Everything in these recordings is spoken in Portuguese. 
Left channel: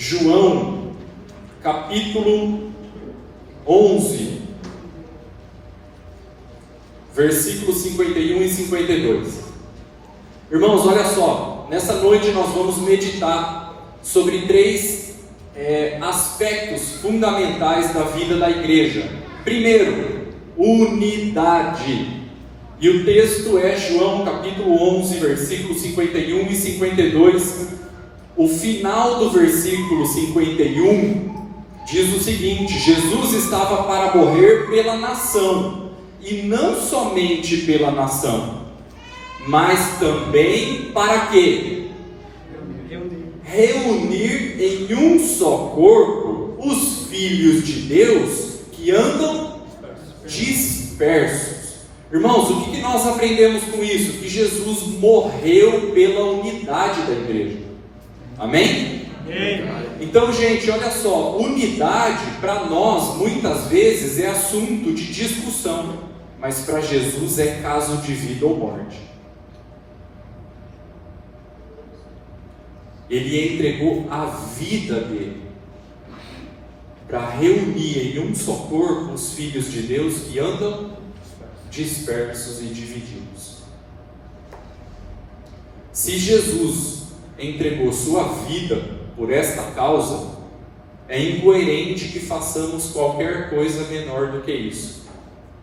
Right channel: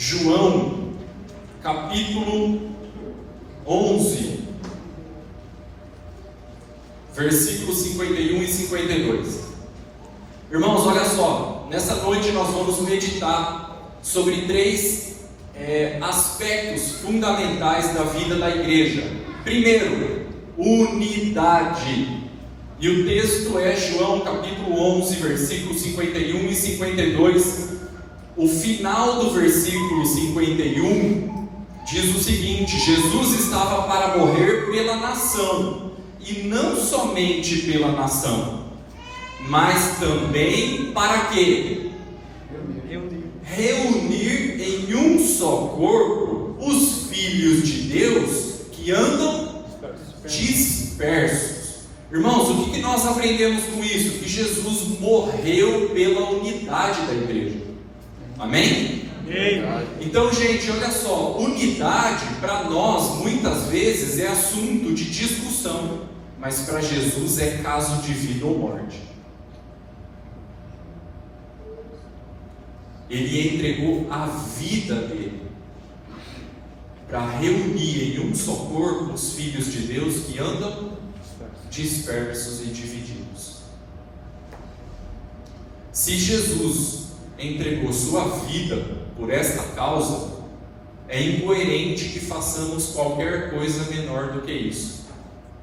João, capítulo 11, versículos 51 e 52. Irmãos, olha só, nessa noite nós vamos meditar sobre três aspectos fundamentais da vida da igreja. Primeiro, unidade. E o texto é João capítulo 11, versículos 51 e 52. O final do versículo 51 diz o seguinte: Jesus estava para morrer pela nação, e não somente pela nação, mas também para quê? Reunir em um só corpo os filhos de Deus que andam dispersos. Irmãos, o que nós aprendemos com isso? Que Jesus morreu pela unidade da igreja. Amém? Então, gente, olha só, unidade para nós muitas vezes é assunto de discussão, mas para Jesus é caso de vida ou morte. Ele entregou a vida dele para reunir em um só corpo os filhos de Deus que andam dispersos e divididos. Se Jesus entregou sua vida por esta causa, é incoerente que façamos qualquer coisa menor do que isso,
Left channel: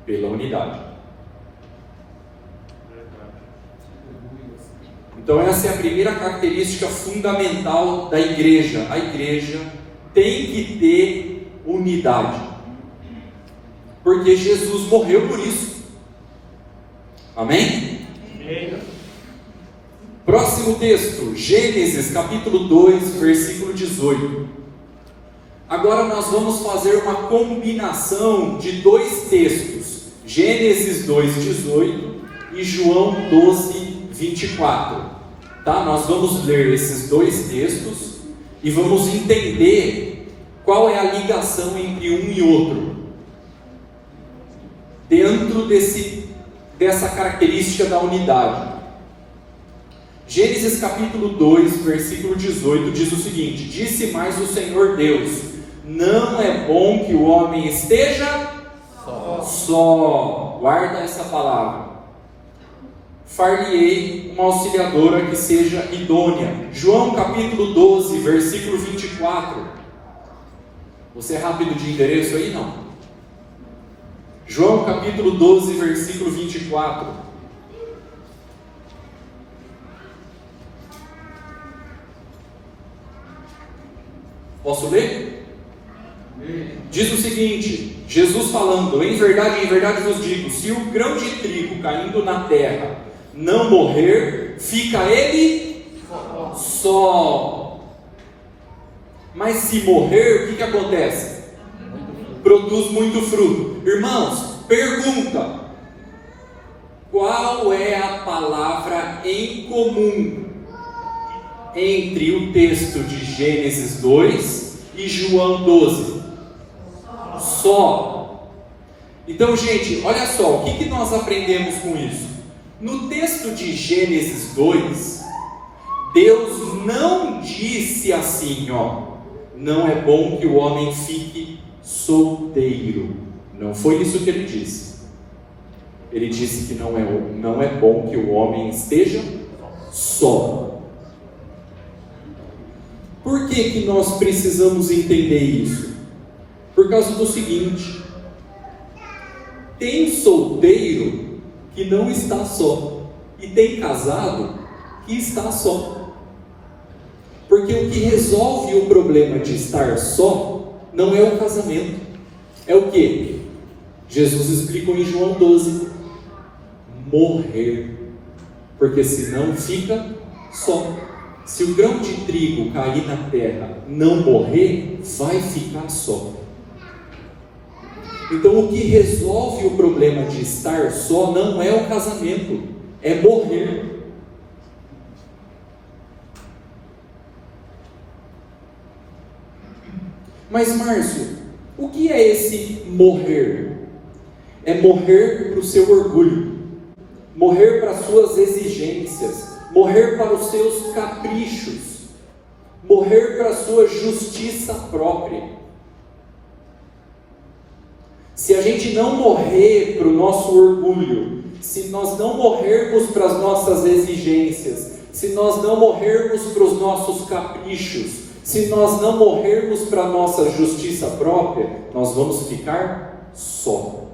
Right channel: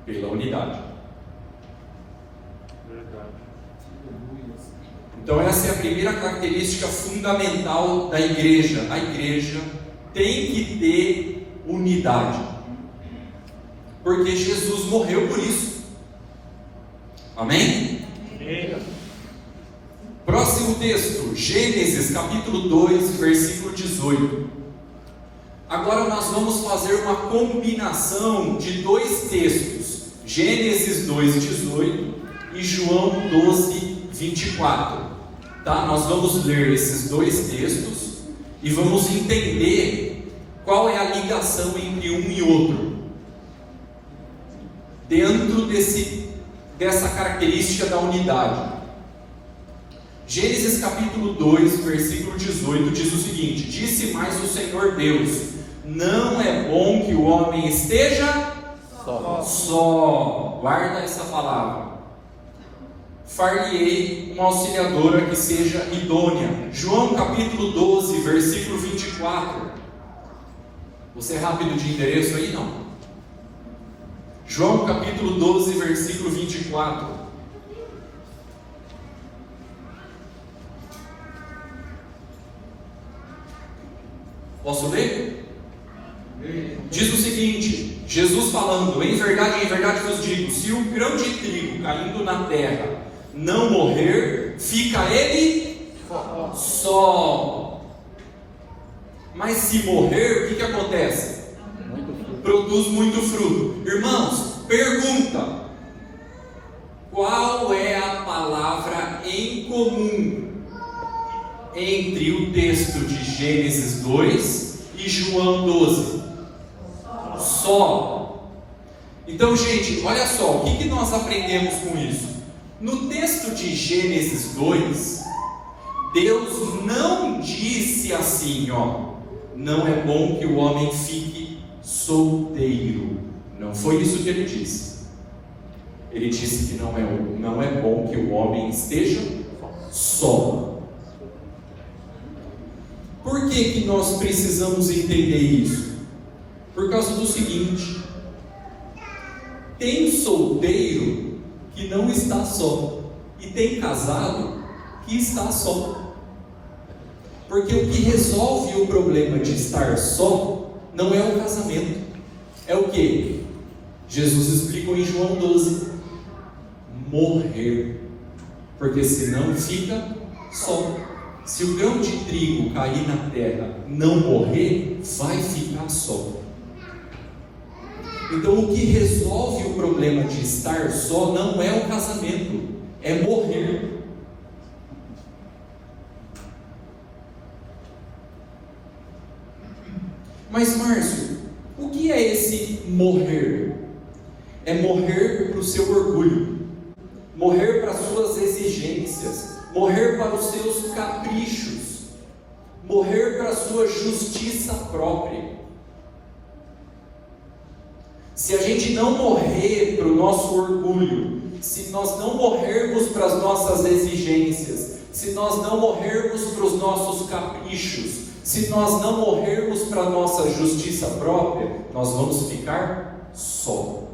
pela unidade. Então essa é a primeira característica fundamental da igreja. A igreja tem que ter unidade, porque Jesus morreu por isso. Amém? Próximo texto, Gênesis capítulo 2, versículo 18. Agora nós vamos fazer uma combinação de dois textos, Gênesis 2, 18 e João 12, 24. Tá? Nós vamos ler esses dois textos e vamos entender qual é a ligação entre um e outro, dentro dessa característica da unidade. Gênesis capítulo 2, versículo 18 diz o seguinte: disse mais o Senhor Deus: não é bom que o homem esteja só. Guarda essa palavra. Far-lhe-ei uma auxiliadora que seja idônea. João capítulo 12, versículo 24. Você é rápido de endereço aí? Não. João capítulo 12, versículo 24. Posso ler? Diz o seguinte, Jesus falando: em verdade vos digo, se o grão de trigo caindo na terra não morrer, fica ele só. Mas se morrer, o que acontece? Produz muito fruto. Irmãos, pergunta: qual é a palavra em comum entre o texto de Gênesis 2 e João 12? Só. Então, gente, olha só, o que nós aprendemos com isso? No texto de Gênesis 2, Deus não disse assim, não é bom que o homem fique solteiro. Não foi isso que ele disse. Ele disse que não é bom que o homem esteja só. Por que nós precisamos entender isso? Por causa do seguinte: tem solteiro que não está só, e tem casado que está só. Porque o que resolve o problema de estar só não é o casamento, é o que? Jesus explicou em João 12: morrer, porque senão fica só. Se o grão de trigo cair na terra, não morrer, vai ficar só. Então o que resolve o problema de estar só não é o casamento, é morrer. Mas Márcio, o que é esse morrer? É morrer para o seu orgulho, morrer para as suas exigências, morrer para os seus caprichos, morrer para a sua justiça própria. Se a gente não morrer para o nosso orgulho, se nós não morrermos para as nossas exigências, se nós não morrermos para os nossos caprichos, se nós não morrermos para a nossa justiça própria, nós vamos ficar só,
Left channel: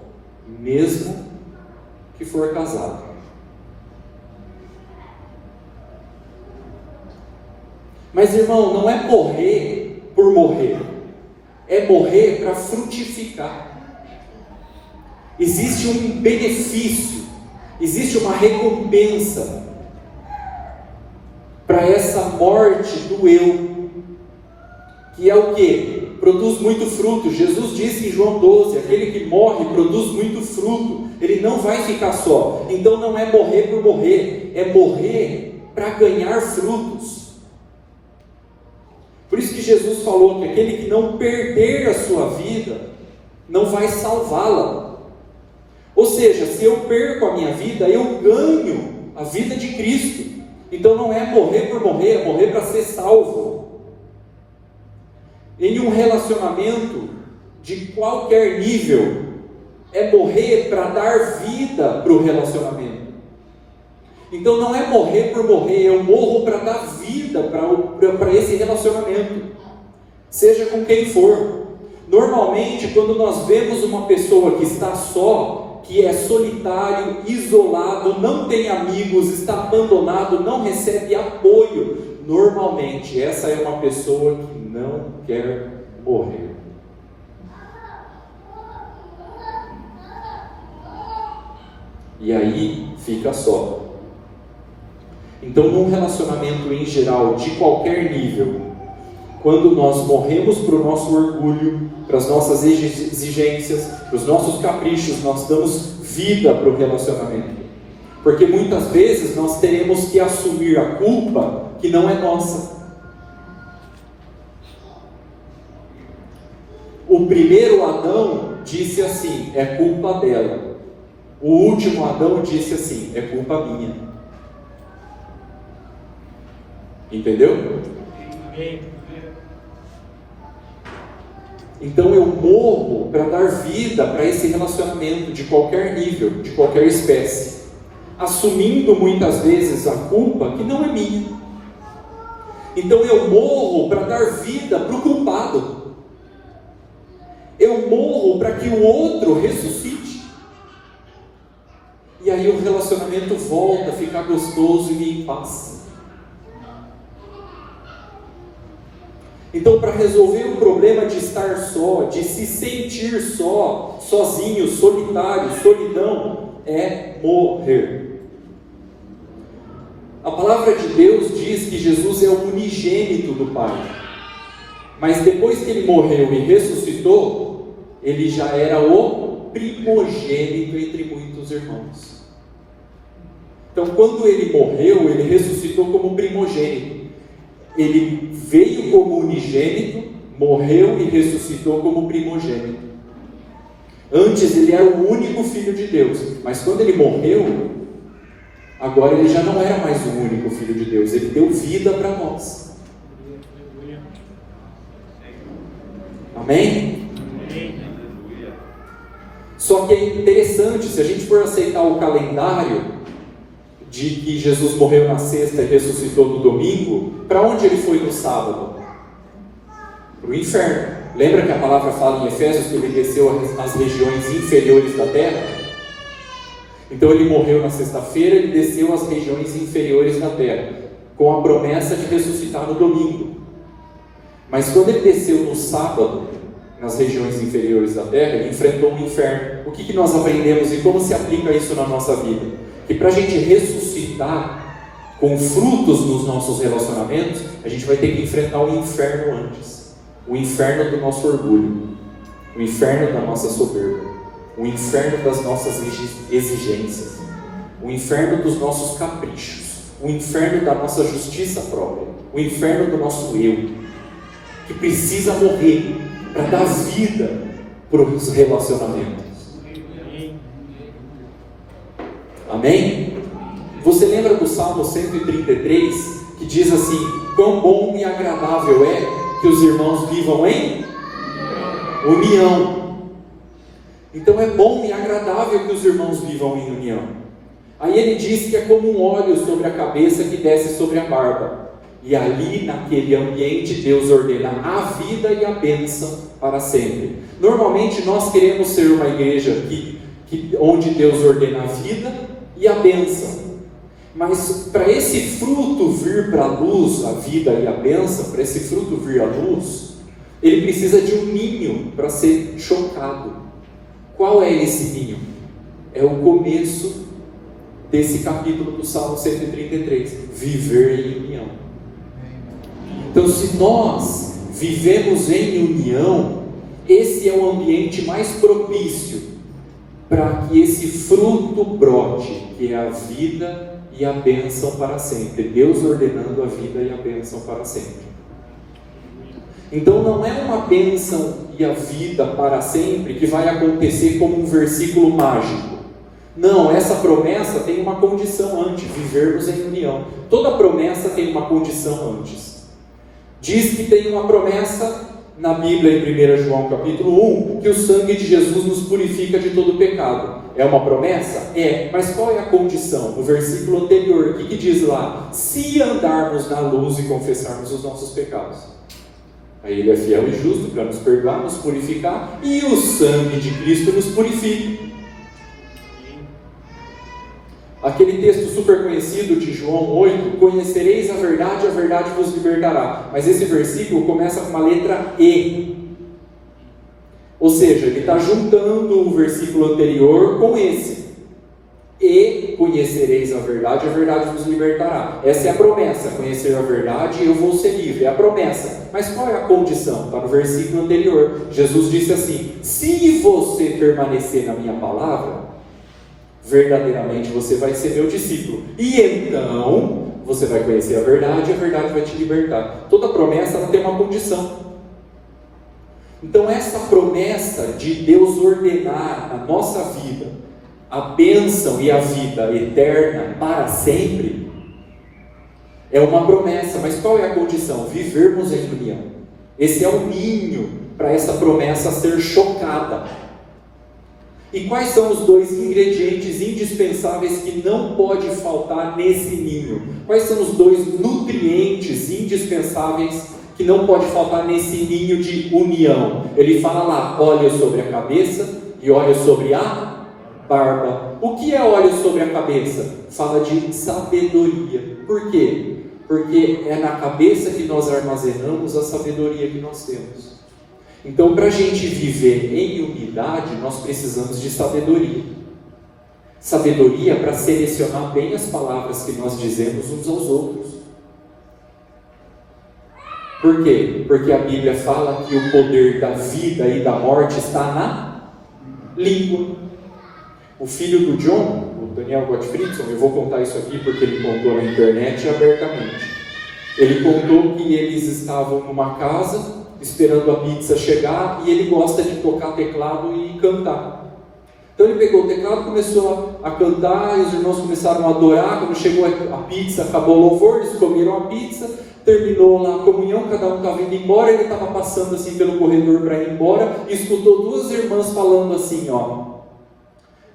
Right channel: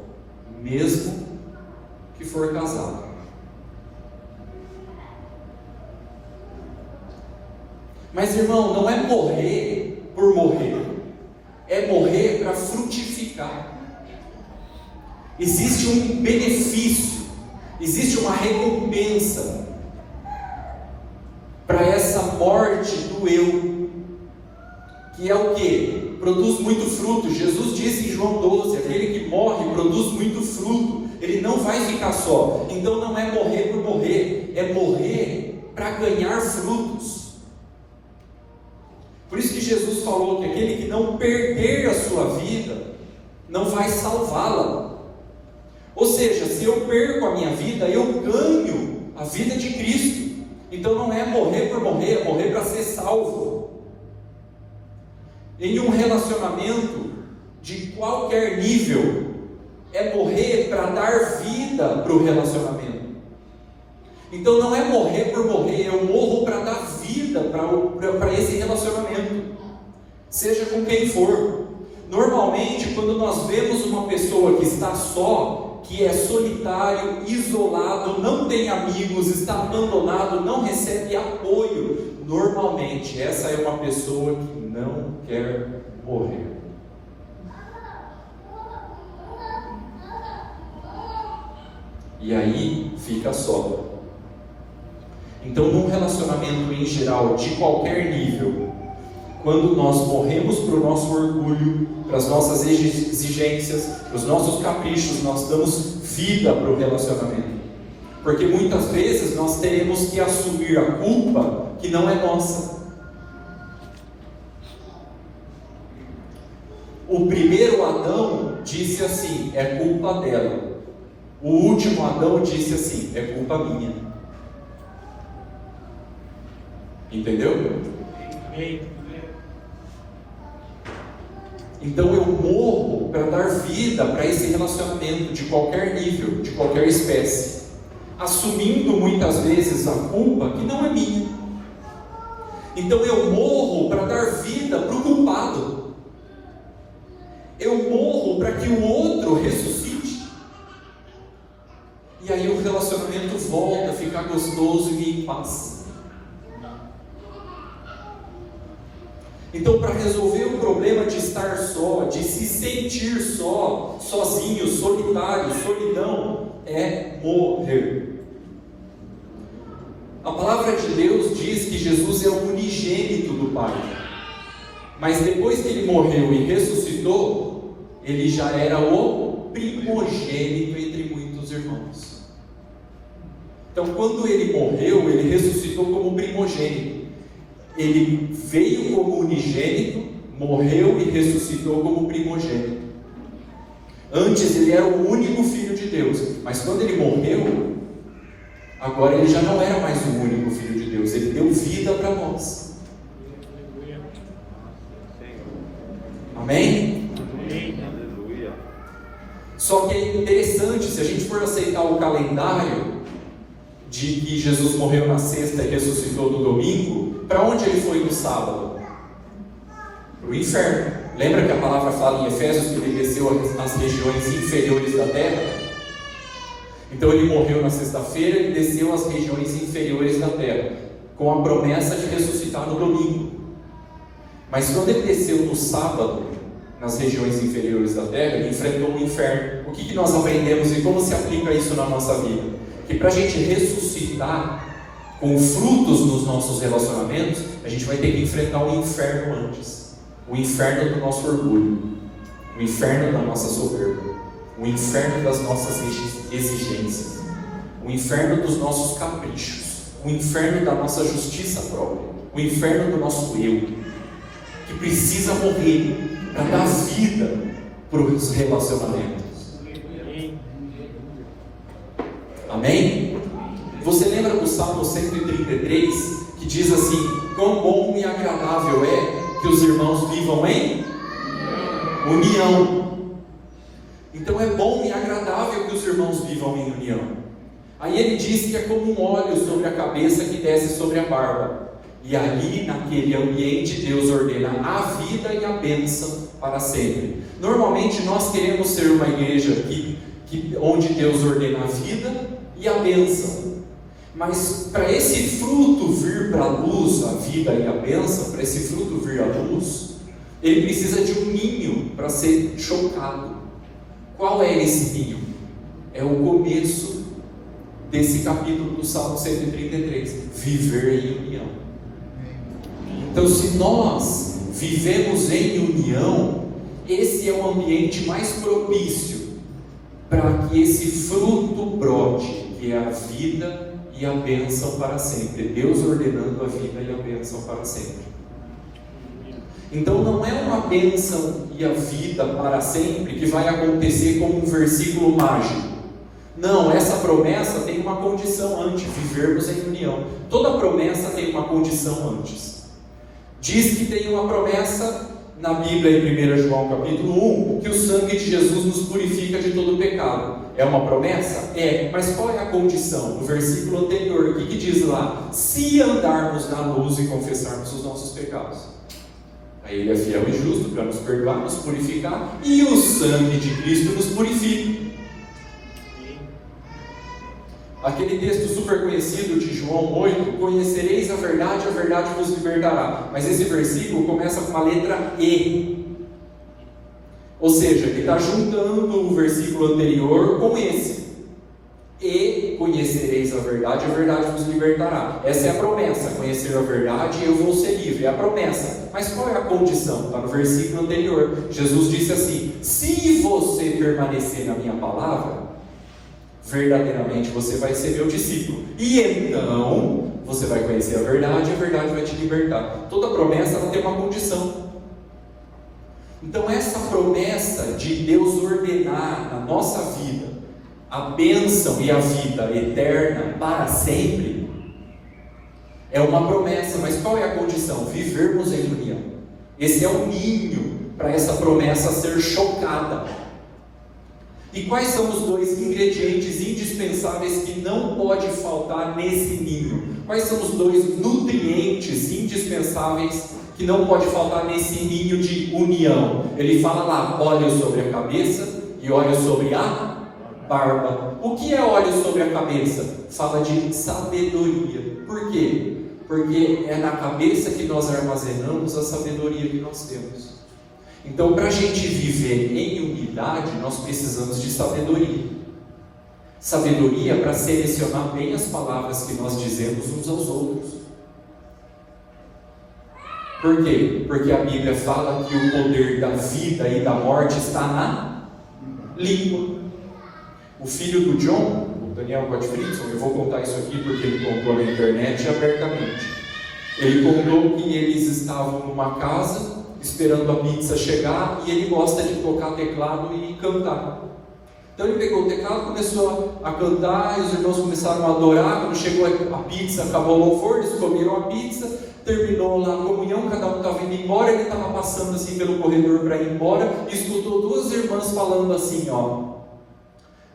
mesmo que for casado. Mas, irmão, não é morrer por morrer, é morrer para frutificar. Existe um benefício, existe uma recompensa para essa morte do eu, que é o que? Produz muito fruto. Jesus disse em João 12, aquele que morre produz muito fruto, ele não vai ficar só. Então não é morrer por morrer, é morrer para ganhar frutos. Por isso que Jesus falou que aquele que não perder a sua vida, não vai salvá-la. Ou seja, se eu perco a minha vida, eu ganho a vida de Cristo. Então não é morrer por morrer, é morrer para ser salvo. Em um relacionamento de qualquer nível, é morrer para dar vida para o relacionamento. Então não é morrer por morrer, eu morro para dar vida para esse relacionamento, seja com quem for. Normalmente, quando nós vemos uma pessoa que está só, que é solitário, isolado, não tem amigos, está abandonado, não recebe apoio, normalmente essa é uma pessoa que não quer morrer. E aí fica só. Então, num relacionamento em geral, de qualquer nível, quando nós morremos para o nosso orgulho, para as nossas exigências, para os nossos caprichos, nós damos vida para o relacionamento. Porque muitas vezes nós teremos que assumir a culpa que não é nossa. O primeiro Adão disse assim, é culpa dela. O último Adão disse assim, é culpa minha. Entendeu? Então eu morro para dar vida para esse relacionamento de qualquer nível, de qualquer espécie, assumindo muitas vezes a culpa que não é minha. Então eu morro para dar vida para o culpado. Eu morro para que o outro ressuscite. E aí o relacionamento volta a ficar gostoso e em paz. Então, para resolver o problema de estar só, de se sentir só, sozinho, solitário, solidão, é morrer. A palavra de Deus diz que Jesus é o unigênito do Pai. Mas depois que ele morreu e ressuscitou, ele já era o primogênito entre muitos irmãos. Então, quando ele morreu, ele ressuscitou como primogênito. Ele veio como unigênito, morreu e ressuscitou como primogênito. Antes ele era o único filho de Deus, mas quando ele morreu, agora ele já não era mais o único filho de Deus, ele deu vida para nós. Amém? Só que é interessante, se a gente for aceitar o calendário de que Jesus morreu na sexta e ressuscitou no domingo, para onde ele foi no sábado? Para o inferno. Lembra que a palavra fala em Efésios que ele desceu às regiões inferiores da terra? Então ele morreu na sexta-feira, ele desceu às regiões inferiores da terra, com a promessa de ressuscitar no domingo. Mas quando ele desceu no sábado, nas regiões inferiores da terra, ele enfrentou o inferno. O que nós aprendemos e como se aplica isso na nossa vida? Que para a gente ressuscitar com frutos nos nossos relacionamentos, a gente vai ter que enfrentar o inferno antes. O inferno do nosso orgulho, o inferno da nossa soberba, o inferno das nossas exigências, o inferno dos nossos caprichos, o inferno da nossa justiça própria, o inferno do nosso eu, que precisa morrer para dar vida para os relacionamentos. Amém? Você lembra do Salmo 133, que diz assim: quão bom e agradável é que os irmãos vivam em união. Então é bom e agradável que os irmãos vivam em união. Aí ele diz que é como um óleo sobre a cabeça que desce sobre a barba. E ali, naquele ambiente, Deus ordena a vida e a bênção para sempre. Normalmente nós queremos ser uma igreja onde Deus ordena a vida e a bênção. Mas para esse fruto vir para a luz, a vida e a bênção, para esse fruto vir à luz, ele precisa de um ninho para ser chocado. Qual é esse ninho? É o começo desse capítulo do Salmo 133, viver em união. Então, se nós vivemos em união, esse é o ambiente mais propício para que esse fruto brote, que é a vida e a bênção para sempre. Deus ordenando a vida e a bênção para sempre. Então não é uma bênção e a vida para sempre que vai acontecer como um versículo mágico. Não, essa promessa tem uma condição antes, vivermos em união. Toda promessa tem uma condição antes. Diz que tem uma promessa na Bíblia, em 1 João capítulo 1, que o sangue de Jesus nos purifica de todo pecado. É uma promessa? É, mas qual é a condição? No versículo anterior, o que diz lá? Se andarmos na luz e confessarmos os nossos pecados. Aí ele é fiel e justo para nos perdoar, nos purificar, e o sangue de Cristo nos purifica. Aquele texto super conhecido de João 8, conhecereis a verdade vos libertará. Mas esse versículo começa com uma letra E. Ou seja, ele está juntando o versículo anterior com esse. E conhecereis a verdade vos libertará. Essa é a promessa, conhecer a verdade e eu vou ser livre. É a promessa. Mas qual é a condição? Está no versículo anterior. Jesus disse assim: se você permanecer na minha palavra, verdadeiramente você vai ser meu discípulo. E então você vai conhecer a verdade vai te libertar. Toda promessa ela tem uma condição. Então essa promessa de Deus ordenar na nossa vida a bênção e a vida eterna para sempre é uma promessa. Mas qual é a condição? Vivermos em união. Esse é o ninho para essa promessa ser chocada. E quais são os dois ingredientes indispensáveis que não pode faltar nesse ninho? Quais são os dois nutrientes indispensáveis que não pode faltar nesse ninho de união? Ele fala lá, óleo sobre a cabeça e óleo sobre a barba. O que é óleo sobre a cabeça? Fala de sabedoria. Por quê? Porque é na cabeça que nós armazenamos a sabedoria que nós temos. Então, para a gente viver em unidade, nós precisamos de sabedoria. Sabedoria para selecionar bem as palavras que nós dizemos uns aos outros. Por quê? Porque a Bíblia fala que o poder da vida e da morte está na língua. O filho do John, o Daniel Gottfriedson, eu vou contar isso aqui porque ele contou na internet abertamente. Ele contou que eles estavam numa casa esperando a pizza chegar, e ele gosta de tocar teclado e cantar. Então ele pegou o teclado, começou a cantar, e os irmãos começaram a adorar. Quando chegou a pizza, acabou o louvor, eles comeram a pizza, terminou lá a comunhão, cada um estava indo embora, ele estava passando assim pelo corredor para ir embora, e escutou duas irmãs falando assim, ó:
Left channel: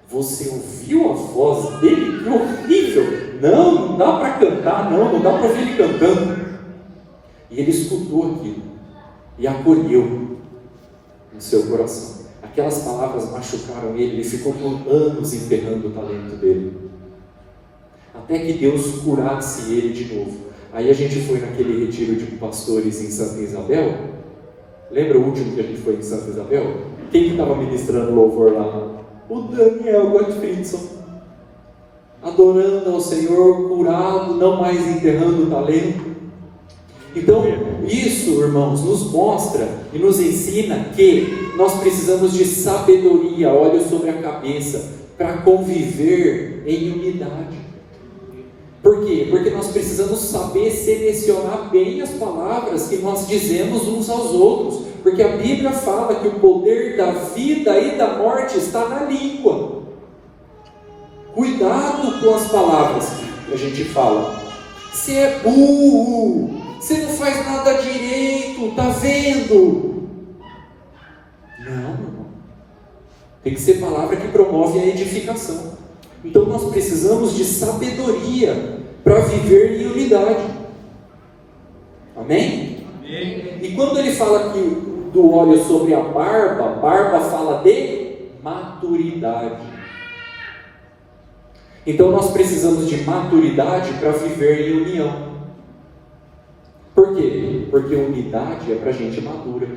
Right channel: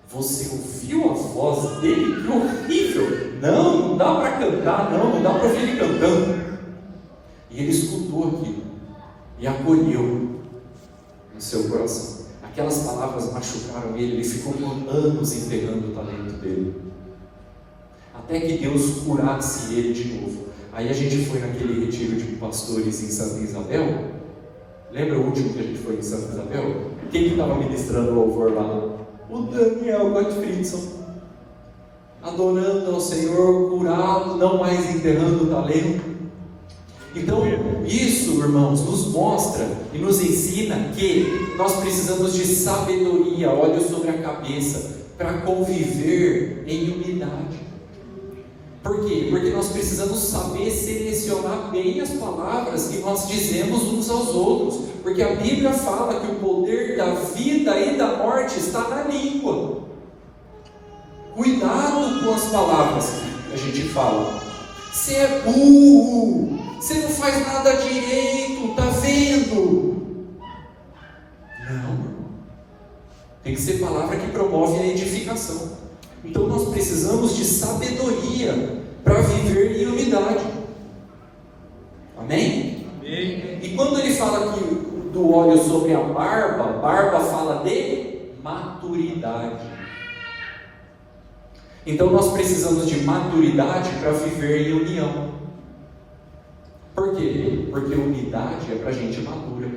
você ouviu a voz dele? Que horrível! Não dá para cantar, não dá para ouvir ele cantando. E ele escutou aquilo e acolheu no seu coração. Aquelas palavras machucaram ele ficou por anos enterrando o talento dele, até que Deus curasse ele de novo. Aí a gente foi naquele retiro de pastores em Santa Isabel. Lembra o último que a gente foi em Santa Isabel? Quem estava ministrando o louvor lá? O Daniel Gottfriedson, adorando ao Senhor, curado, não mais enterrando o talento. Então, isso, irmãos, nos mostra e nos ensina que nós precisamos de sabedoria, óleo sobre a cabeça, para conviver em unidade. Por quê? Porque nós precisamos saber selecionar bem as palavras que nós dizemos uns aos outros. Porque a Bíblia fala que o poder da vida e da morte está na língua. Cuidado com as palavras que a gente fala. Você é burro. você não faz nada direito, tá vendo? Não, irmão. Tem que ser palavra que promove a edificação. Então nós precisamos de sabedoria para viver em unidade. Amém? Amém? E quando ele fala aqui do óleo sobre a barba fala de maturidade. Então nós precisamos de maturidade para viver em união. Por quê? Porque unidade é para gente madura.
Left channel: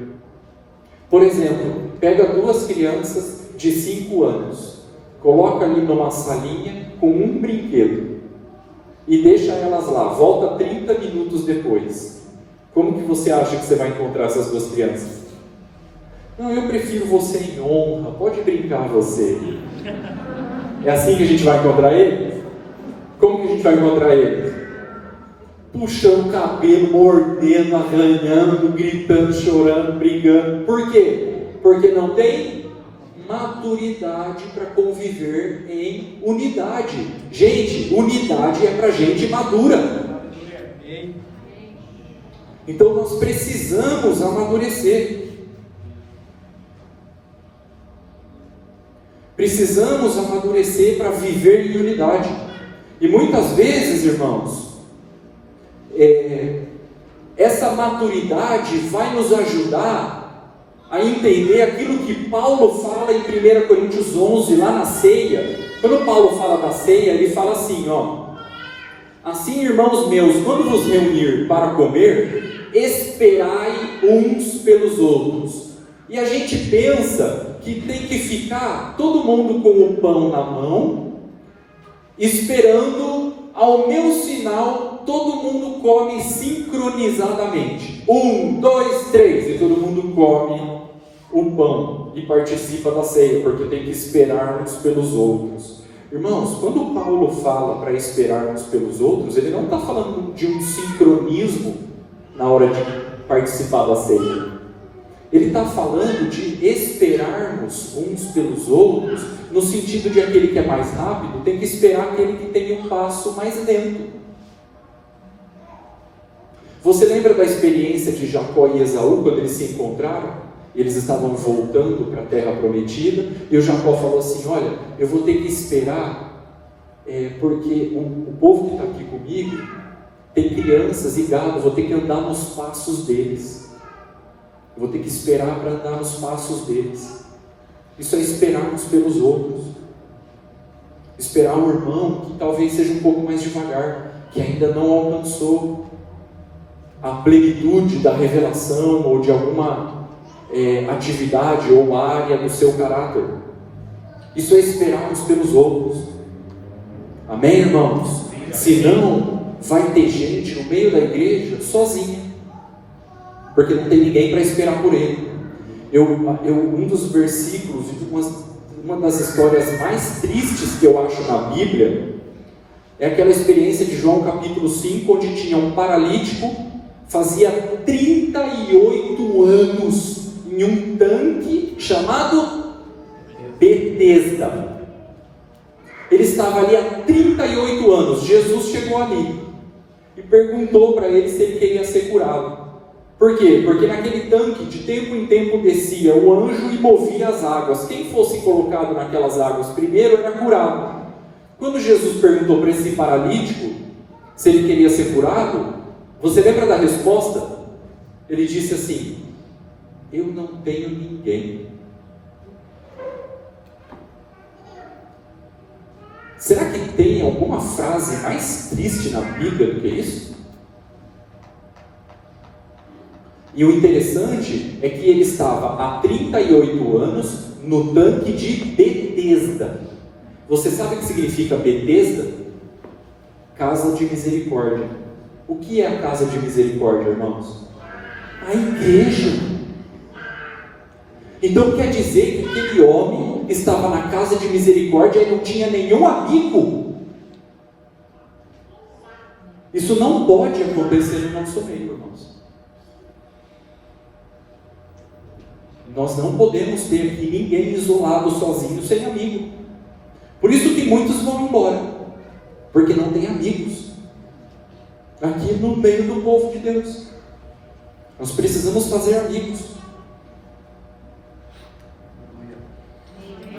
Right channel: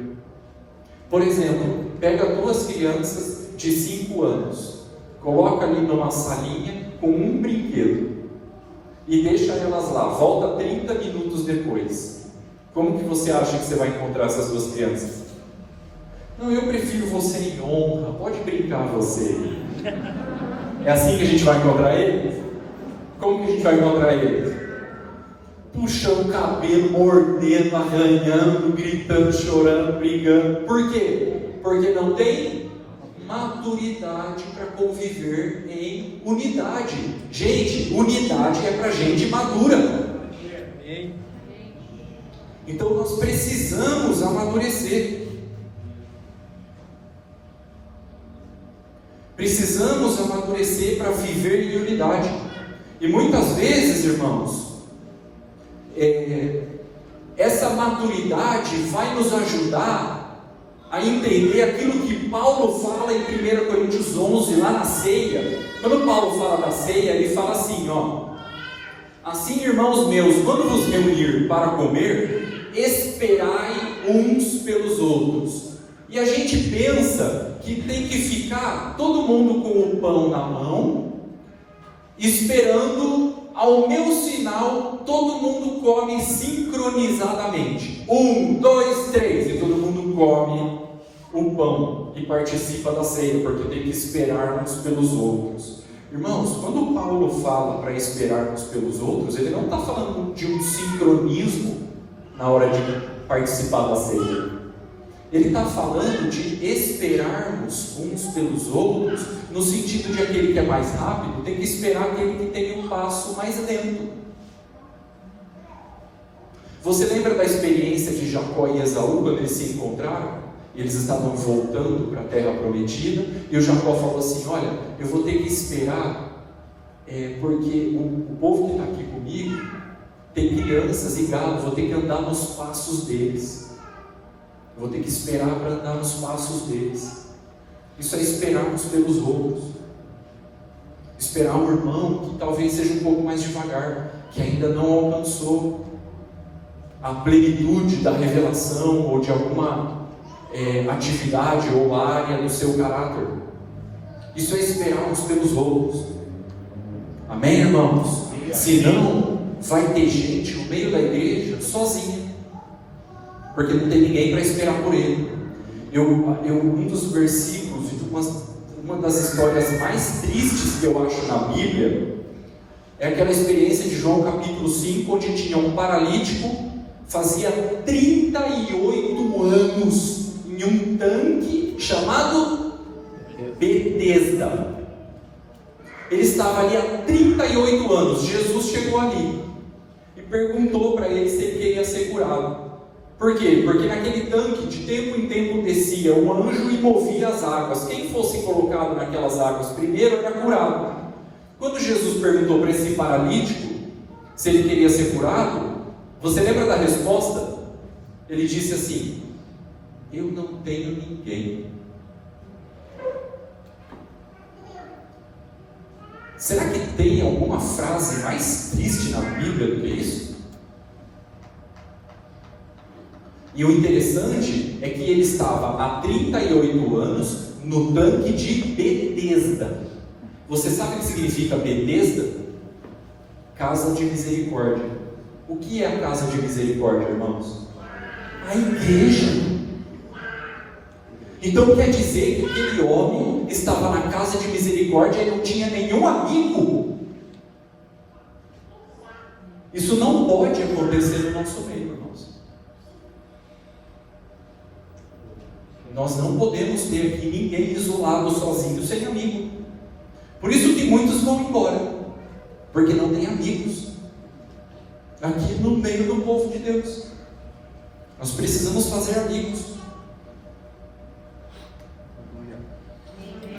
Por exemplo, pega duas crianças de 5 anos, coloca ali numa salinha com um brinquedo e deixa elas lá, volta 30 minutos depois. Como que você acha que você vai encontrar essas duas crianças? Não, eu prefiro você em honra, pode brincar você. É assim que a gente vai encontrar eles? Como que a gente vai encontrar eles? Puxando o cabelo, mordendo, arranhando, gritando, chorando, brigando. Por quê? Porque não tem maturidade para conviver em unidade. Gente, unidade é para gente madura. Então nós precisamos amadurecer. Precisamos amadurecer para viver em unidade. E muitas vezes, irmãos, essa maturidade vai nos ajudar a entender aquilo que Paulo fala em 1 Coríntios 11, lá na ceia. Quando Paulo fala da ceia, ele fala assim, assim, irmãos meus, quando vos reunir para comer, esperai uns pelos outros. E a gente pensa que tem que ficar todo mundo com o pão na mão, esperando ao meu sinal, todo mundo come sincronizadamente. 1, 2, 3, e todo mundo come o pão e participa da ceia, porque tem que esperar uns pelos outros. Irmãos, quando Paulo fala para esperar uns pelos outros, ele não está falando de um sincronismo na hora de participar da ceia. Ele está falando de esperarmos uns pelos outros, no sentido de aquele que é mais rápido tem que esperar aquele que tem um passo mais lento. Você lembra da experiência de Jacó e Esaú, quando eles se encontraram? Eles estavam voltando para a terra prometida, e o Jacó falou assim, olha, eu vou ter que esperar, porque o povo que está aqui comigo tem crianças e gado, vou ter que andar nos passos deles. Vou ter que esperar para andar nos passos deles. Isso é esperarmos pelos outros. Esperar um irmão que talvez seja um pouco mais devagar, que ainda não alcançou a plenitude da revelação ou de alguma atividade ou área do seu caráter. Isso é esperarmos pelos outros. Amém, irmãos? Senão, vai ter gente no meio da igreja sozinha, porque não tem ninguém para esperar por ele. Um dos versículos, uma das histórias mais tristes que eu acho na Bíblia, é aquela experiência de João capítulo 5, onde tinha um paralítico, fazia 38 anos, em um tanque chamado Betesda. Ele estava ali há 38 anos, Jesus chegou ali e perguntou para ele se ele queria ser curado. Por quê? Porque naquele tanque, de tempo em tempo descia o anjo e movia as águas. Quem fosse colocado naquelas águas primeiro era curado. Quando Jesus perguntou para esse paralítico se ele queria ser curado, você lembra da resposta? Ele disse assim, eu não tenho ninguém. Será que tem alguma frase mais triste na Bíblia do que isso? E o interessante é que ele estava há 38 anos no tanque de Betesda. Você sabe o que significa Betesda? Casa de misericórdia. O que é a casa de misericórdia, irmãos? A igreja. Então quer dizer que aquele homem estava na casa de misericórdia e não tinha nenhum amigo. Isso não pode acontecer no nosso meio, irmãos. Nós não podemos ter aqui ninguém isolado, sozinho, sem amigo. Por isso que muitos vão embora, porque não tem amigos. Aqui no meio do povo de Deus. Nós precisamos fazer amigos.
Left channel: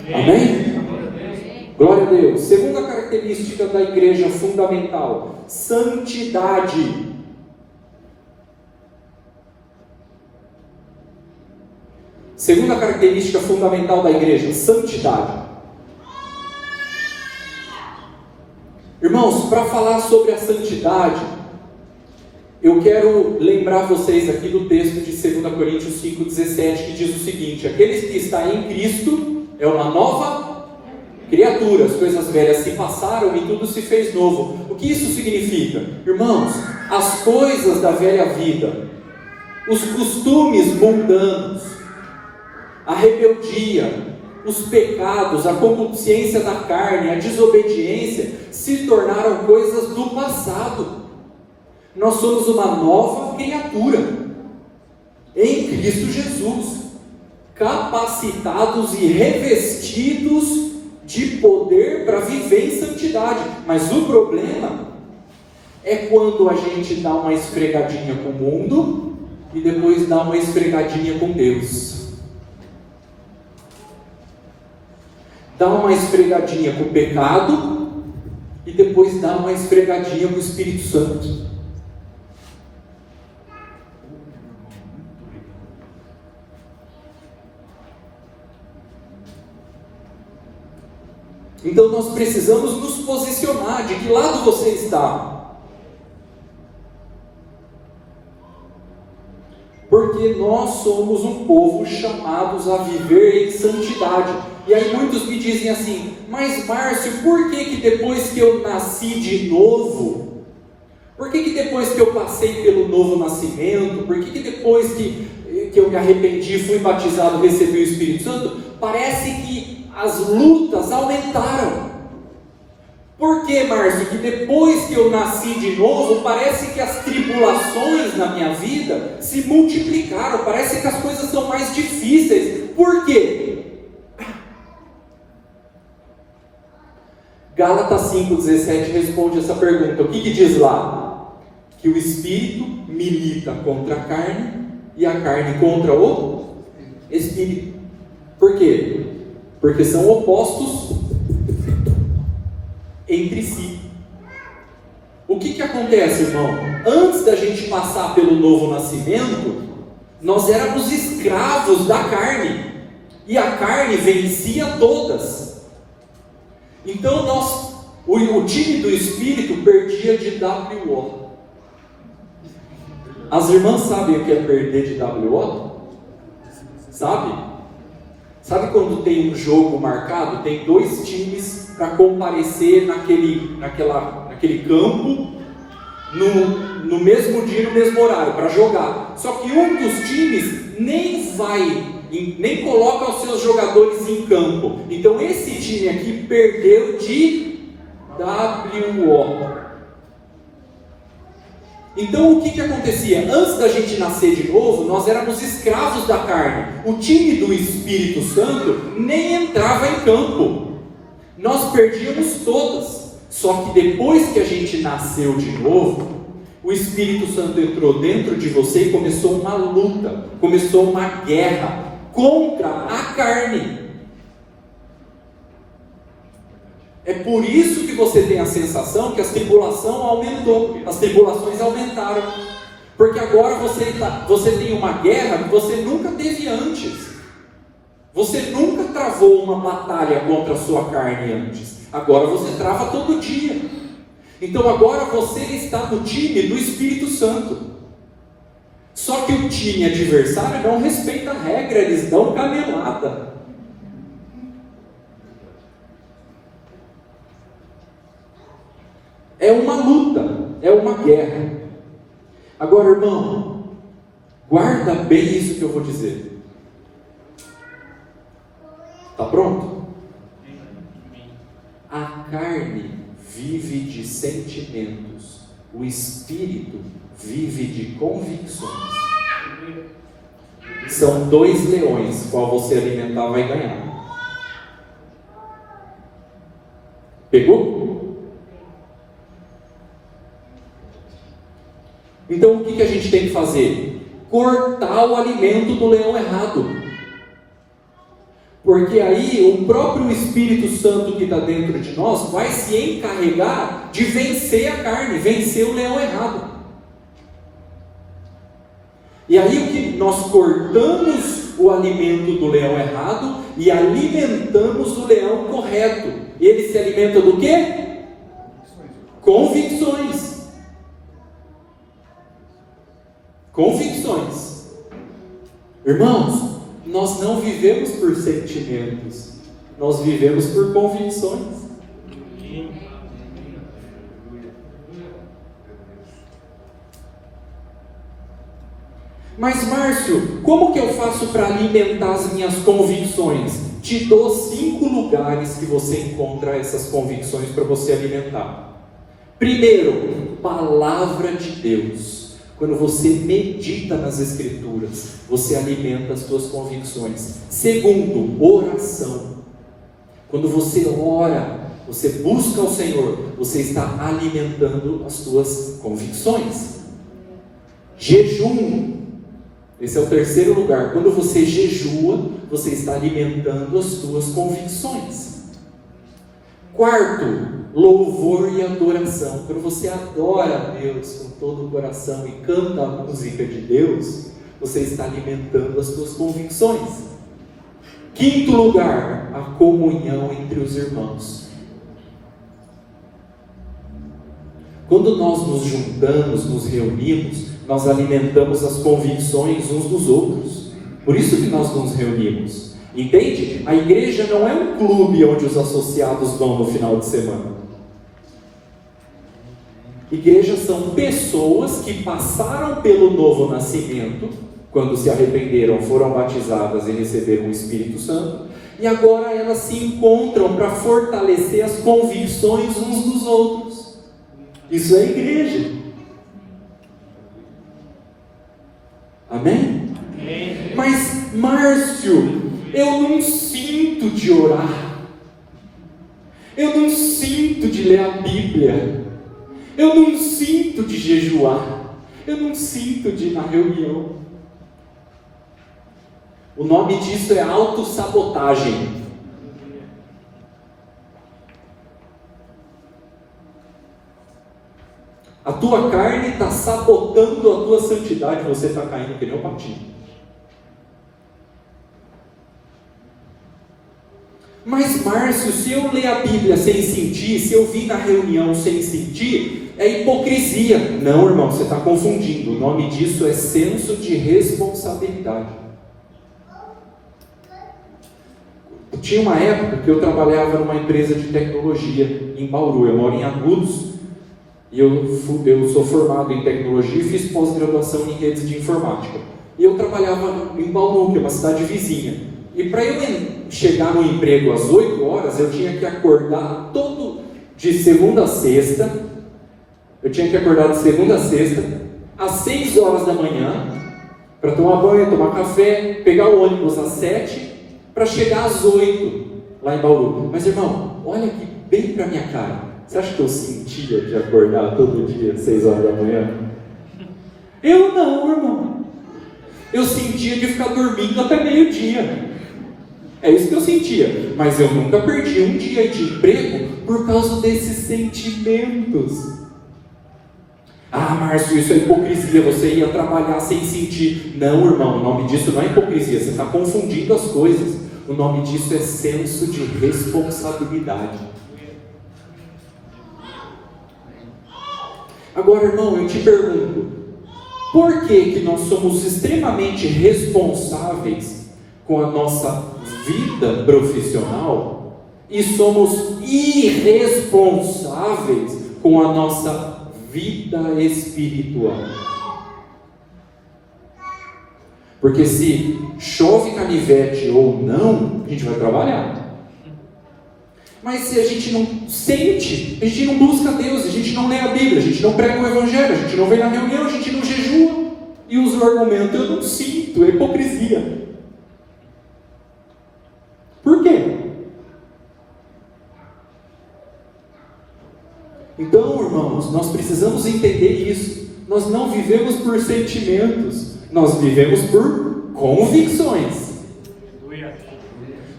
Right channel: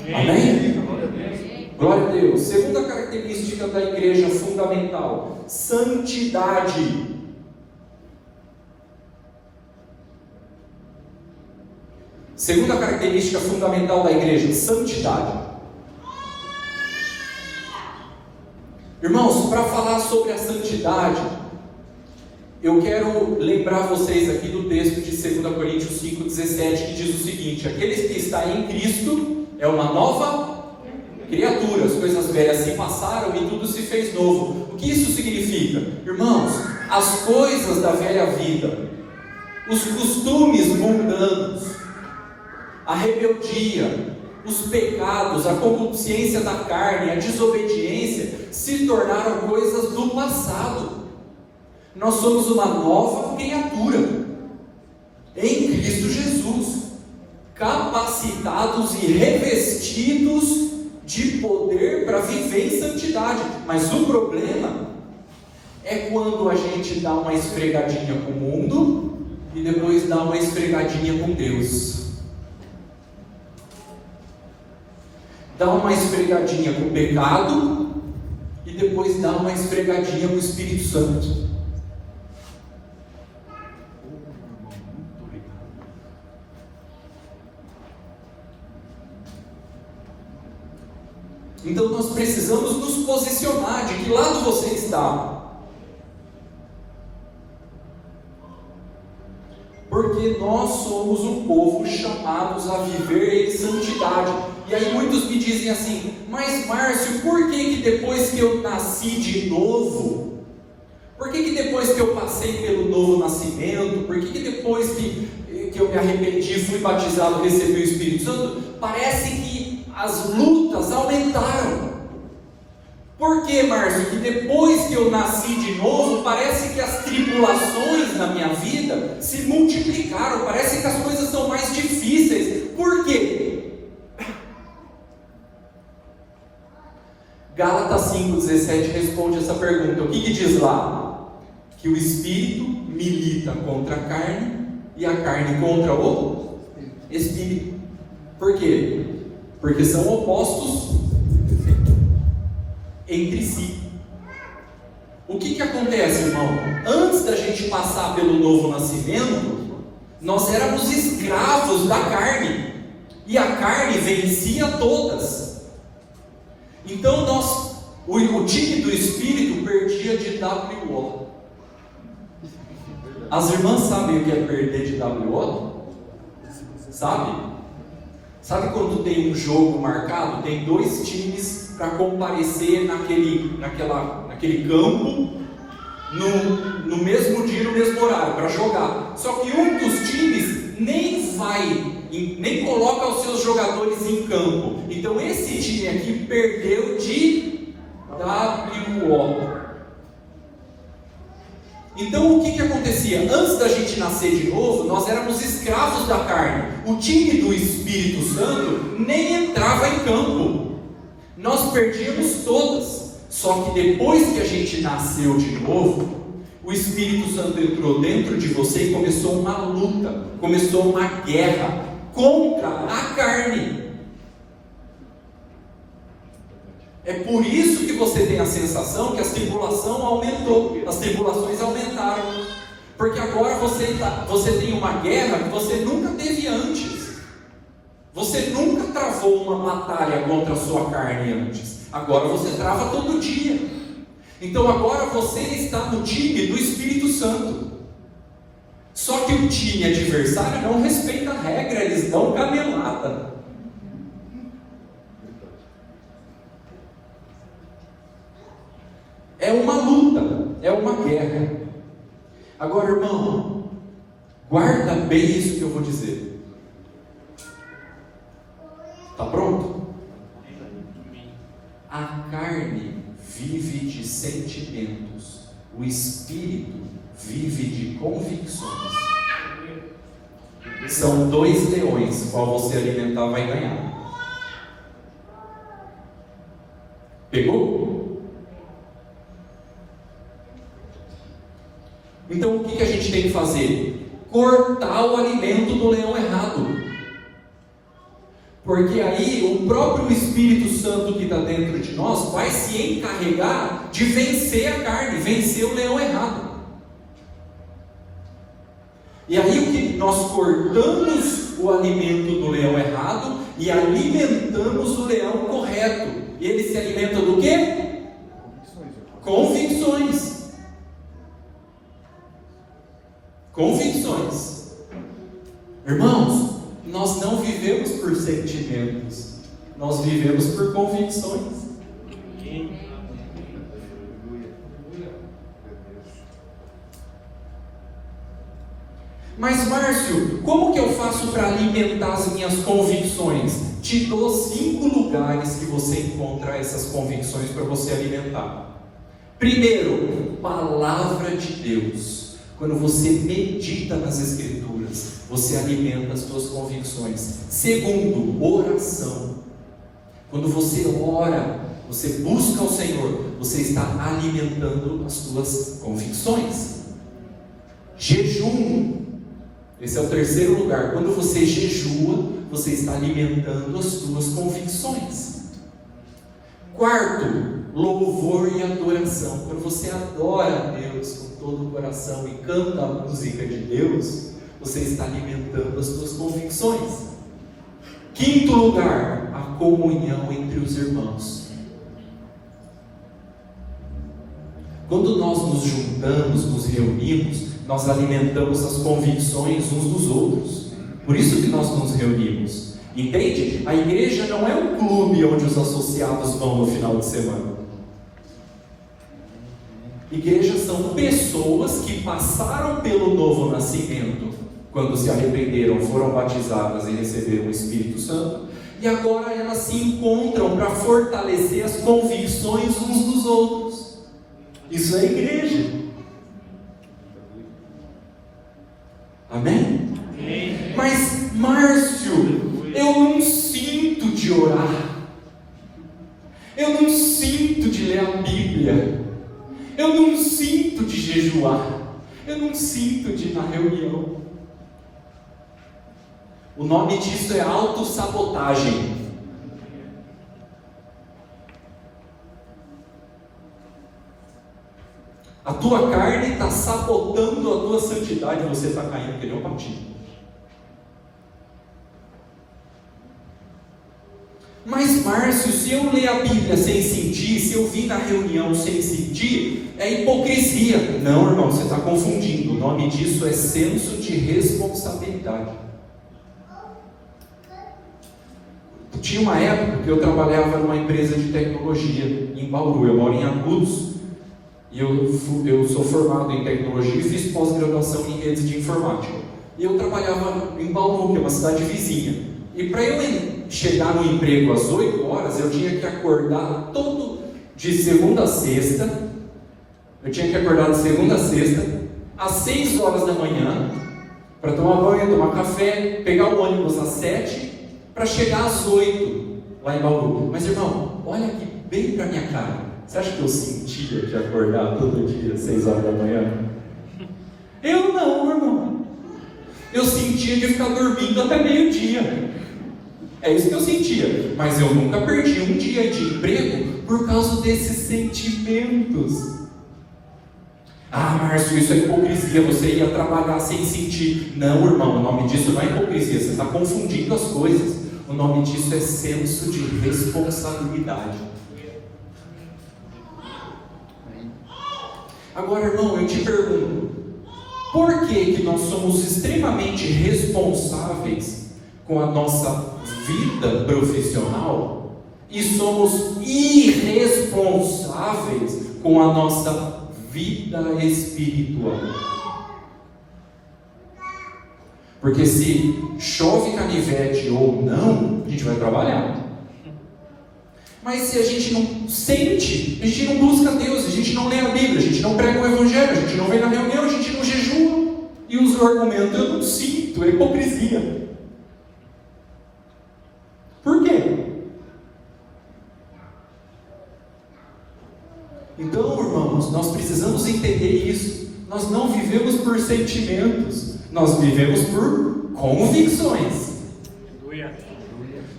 Amém? Glória a Deus. Segunda característica da igreja fundamental: santidade. Segunda característica fundamental da igreja: santidade. Irmãos, para falar sobre a santidade, eu quero lembrar vocês aqui do texto de 2 Coríntios 5,17, que diz o seguinte: aqueles que estão em Cristo é uma nova criatura, as coisas velhas se passaram e tudo se fez novo. O que isso significa? Irmãos, as coisas da velha vida, os costumes mundanos, a rebeldia, os pecados, a concupiscência da carne, a desobediência, se tornaram coisas do passado. Nós somos uma nova criatura em Cristo Jesus, capacitados e revestidos de poder para viver em santidade. Mas o problema é quando a gente dá uma esfregadinha com o mundo e depois dá uma esfregadinha com Deus. Dá uma esfregadinha com o pecado e depois dá uma esfregadinha com o Espírito Santo. Então nós precisamos nos posicionar. De que lado você está? Porque nós somos um povo chamados a viver em santidade. E aí muitos me dizem assim: mas Márcio, por que depois que eu nasci de novo, por que depois que eu passei pelo novo nascimento, por que depois que eu me arrependi, fui batizado, recebi o Espírito Santo, parece que as lutas aumentaram? Por que, Márcio, que depois que eu nasci de novo, parece que as tribulações na minha vida se multiplicaram, parece que as coisas são mais difíceis? Por quê? Gálatas 5,17 responde essa pergunta. O que diz lá? Que o Espírito milita contra a carne e a carne contra o Espírito. Por quê? Porque são opostos entre si. O que acontece, irmão? Antes da gente passar pelo novo nascimento, nós éramos escravos da carne, e a carne vencia todas. Então o time do Espírito perdia de WO. As irmãs sabem o que é perder de WO? Sabe? Sabe quando tem um jogo marcado, tem dois times para comparecer naquele campo no mesmo dia, no mesmo horário, para jogar. Só que um dos times nem coloca os seus jogadores em campo. Então esse time aqui perdeu de WO. Então o que acontecia? Antes da gente nascer de novo, nós éramos escravos da carne. O time do Espírito Santo nem entrava em campo. Nós perdíamos todas. Só que depois que a gente nasceu de novo, o Espírito Santo entrou dentro de você e começou uma luta, começou uma guerra contra a carne. É por isso que você tem a sensação que a tribulação aumentou, as tribulações aumentaram, porque agora você tem uma guerra que você nunca teve antes. Você nunca travou uma batalha contra a sua carne antes. Agora você trava todo dia. Então agora você está no time do Espírito Santo. Só que o time adversário não respeita a regra, eles dão canelada. É uma luta, é uma guerra. Agora, irmão, guarda bem isso que eu vou dizer. Está pronto? A carne vive de sentimentos, o espírito vive de convicções. São dois leões, qual você alimentar vai ganhar. Pegou? Então o que a gente tem que fazer? Cortar o alimento do leão errado. Porque aí o próprio Espírito Santo que está dentro de nós vai se encarregar de vencer a carne, vencer o leão errado. E aí o que nós cortamos o alimento do leão errado e alimentamos o leão correto. Ele se alimenta do quê? Convicções. Convicções. Irmãos, nós não vivemos por sentimentos, nós vivemos por convicções. Mas Márcio, como que eu faço para alimentar as minhas convicções? Te dou 5 lugares que você encontra essas convicções para você alimentar. Primeiro, palavra de Deus. Quando você medita nas Escrituras, você alimenta as suas convicções. Segundo, oração. Quando você ora, você busca o Senhor, você está alimentando as suas convicções. Jejum. Esse é o terceiro lugar. Quando você jejua, você está alimentando as suas convicções. Quarto, louvor e adoração. Quando você adora a Deus com todo o coração e canta a música de Deus, você está alimentando as suas convicções. Quinto lugar, a comunhão entre os irmãos. Quando nós nos juntamos, nos reunimos, nós alimentamos as convicções uns dos outros. Por isso que nós nos reunimos. Entende? A igreja não é um clube onde os associados vão no final de semana. Igrejas são pessoas que passaram pelo novo nascimento, quando se arrependeram, foram batizadas e receberam o Espírito Santo, e agora elas se encontram para fortalecer as convicções uns dos outros. Isso é igreja. Amém? Amém. Mas, Márcio, eu não sinto de orar, eu não sinto de ler a Bíblia, eu não sinto de jejuar, eu não sinto de ir na reunião. O nome disso é autossabotagem. A tua carne está sabotando a tua santidade, você está caindo que nem um patinho. Mas Márcio, se eu ler a Bíblia sem sentir, se eu vir na reunião sem sentir, é hipocrisia. Não, irmão, você está confundindo. O nome disso é senso de responsabilidade. Tinha uma época que eu trabalhava numa empresa de tecnologia em Bauru. Eu moro em Agudos e eu sou formado em tecnologia e fiz pós-graduação em redes de informática. E eu trabalhava em Bauru, que é uma cidade vizinha. E para eu chegar no emprego às 8 horas, eu tinha que acordar todo de segunda a sexta. Eu tinha que acordar de segunda a sexta, às 6 horas da manhã, para tomar banho, tomar café, pegar o ônibus às 7, para chegar às 8 lá em Bauru. Mas irmão, olha aqui bem para minha cara. Você acha que eu sentia de acordar todo dia às 6 horas da manhã? Eu não, irmão. Eu sentia de ficar dormindo até meio-dia. É isso que eu sentia, mas eu nunca perdi um dia de emprego por causa desses sentimentos. Ah, Márcio, isso é hipocrisia, você ia trabalhar sem sentir. Não, irmão, o nome disso não é hipocrisia, você está confundindo as coisas. O nome disso é senso de responsabilidade. Agora, irmão, eu te pergunto, por que nós somos extremamente responsáveis com a nossa vida profissional e somos irresponsáveis com a nossa vida espiritual? Porque se chove canivete ou não, a gente vai trabalhar. Mas se a gente não sente, a gente não busca Deus, a gente não lê a Bíblia, a gente não prega o Evangelho, a gente não vem na reunião, a gente não jejua e usa o argumento, eu não sinto, é hipocrisia. Por quê? Então, irmãos, nós precisamos entender isso. Nós não vivemos por sentimentos, nós vivemos por convicções.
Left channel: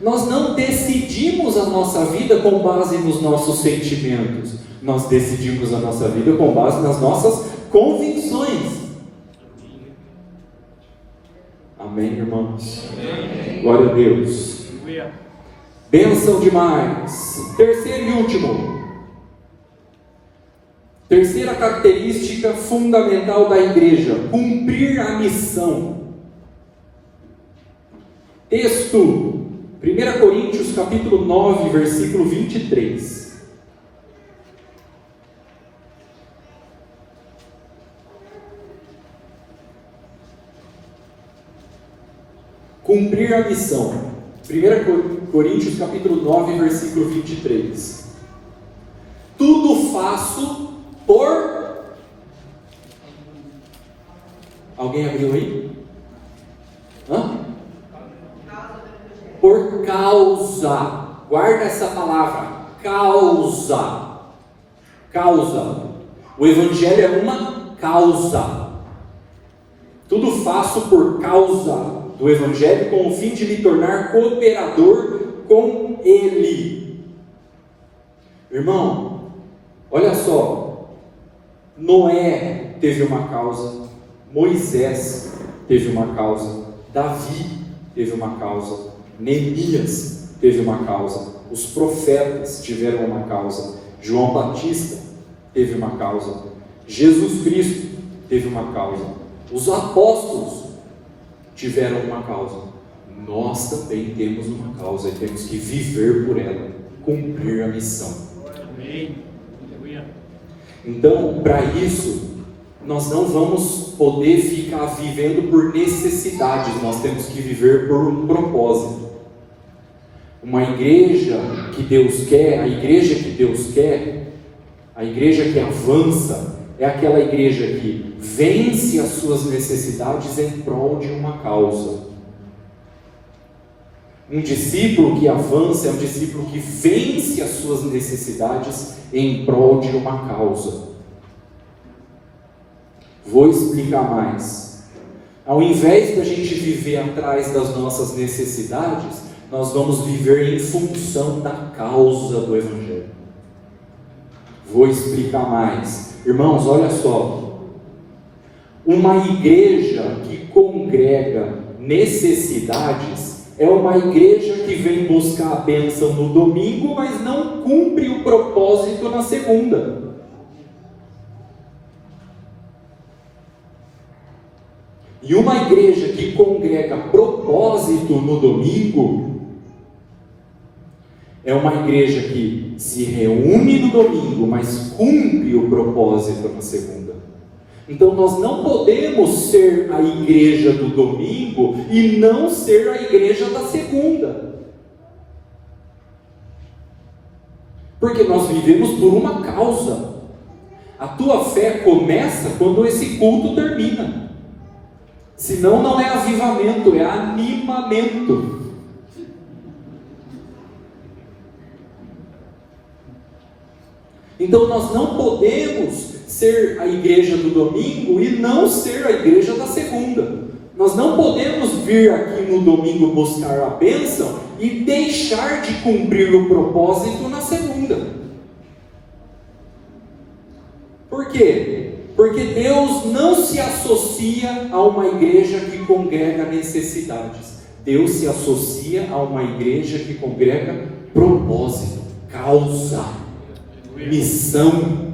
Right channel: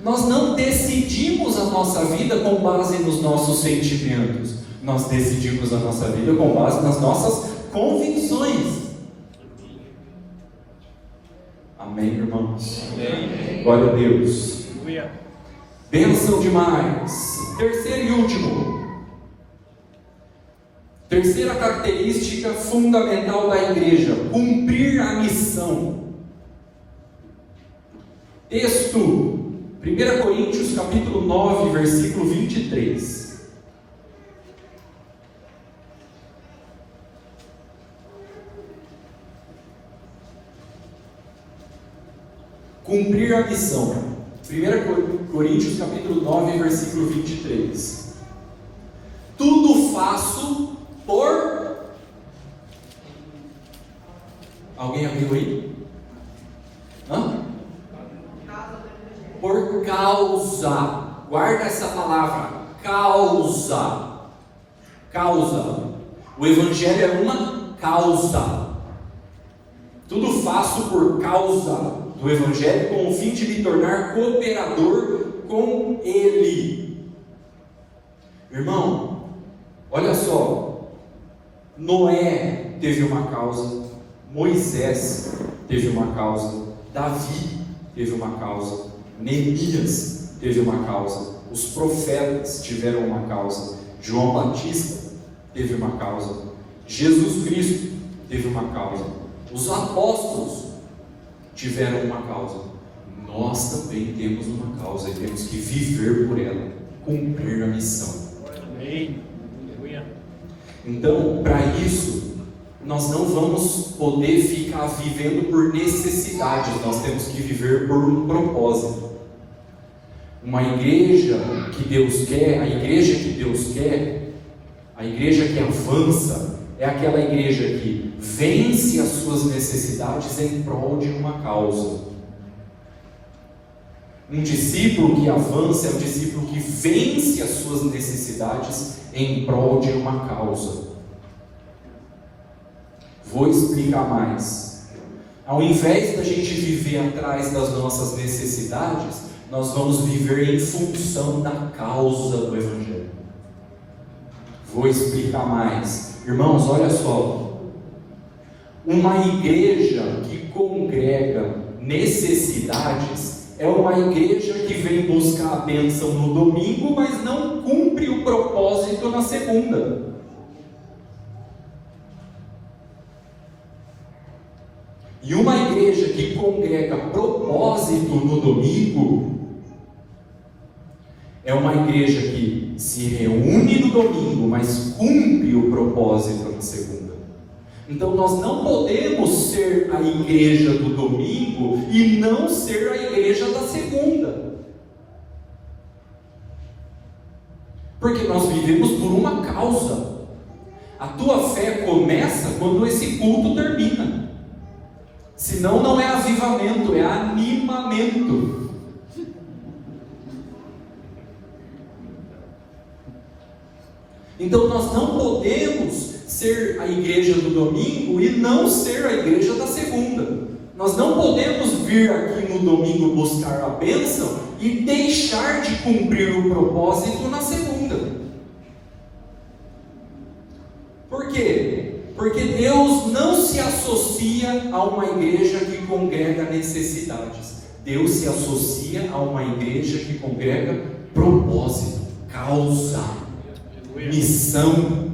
Nós não decidimos a nossa vida com base nos nossos sentimentos, nós decidimos a nossa vida com base nas nossas convicções. Amém, irmãos? Amém. Glória a Deus. Bênção demais. Terceiro e último. Terceira característica fundamental da igreja: cumprir a missão. Texto, 1 Coríntios capítulo 9, versículo 23. Cumprir a missão. 1 Coríntios capítulo 9, versículo 23. Tudo faço por... Alguém abriu aí? Hã? Por causa. Guarda essa palavra. Causa. Causa. O Evangelho é uma causa. Tudo faço por causa do Evangelho, com o fim de me tornar cooperador com Ele. Irmão, olha só. Noé teve uma causa, Moisés teve uma causa, Davi teve uma causa, Neemias teve uma causa, os profetas tiveram uma causa, João Batista teve uma causa, Jesus Cristo teve uma causa, os apóstolos tiveram uma causa. Nós também temos uma causa e temos que viver por ela, cumprir a missão. Amém. Então, para isso, nós não vamos poder ficar vivendo por necessidade, nós temos que viver por um propósito. Uma igreja que Deus quer, a igreja que Deus quer, a igreja que avança, é aquela igreja que vence as suas necessidades em prol de uma causa. Um discípulo que avança é um discípulo que vence as suas necessidades em prol de uma causa. Vou explicar mais. Ao invés da gente viver atrás das nossas necessidades, nós vamos viver em função da causa do Evangelho. Vou explicar mais. Irmãos, olha só. Uma igreja que congrega necessidades é uma igreja que vem buscar a bênção no domingo, mas não cumpre o propósito na segunda. E uma igreja que congrega propósito no domingo é uma igreja que se reúne no domingo, mas cumpre o propósito na segunda. Então nós não podemos ser a igreja do domingo e não ser a igreja da segunda. Porque nós vivemos por uma causa. A tua fé começa quando esse culto termina. Senão não é avivamento, é animamento. Então nós não podemos ser a igreja do domingo e não ser a igreja da segunda. Nós não podemos vir aqui no domingo buscar a bênção e deixar de cumprir o propósito na segunda. Por quê? Porque Deus não se associa a uma igreja que congrega necessidades. Deus se associa a uma igreja que congrega propósito, causa, missão.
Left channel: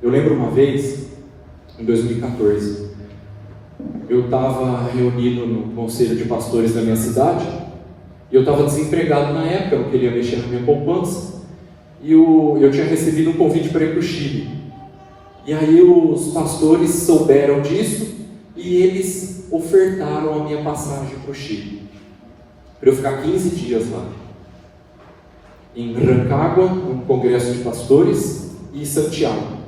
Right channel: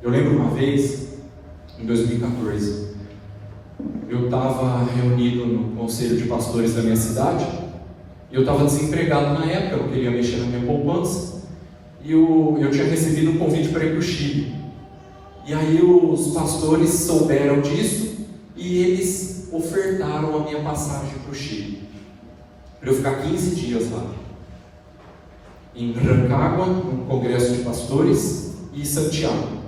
Eu lembro uma vez, em 2014, eu estava reunido no conselho de pastores da minha cidade, e eu estava desempregado na época, eu queria mexer na minha poupança, e eu tinha recebido um convite para ir para o Chile. E aí os pastores souberam disso, e eles ofertaram a minha passagem para o Chile, para eu ficar 15 dias lá, em Rancagua, no congresso de pastores, e Santiago.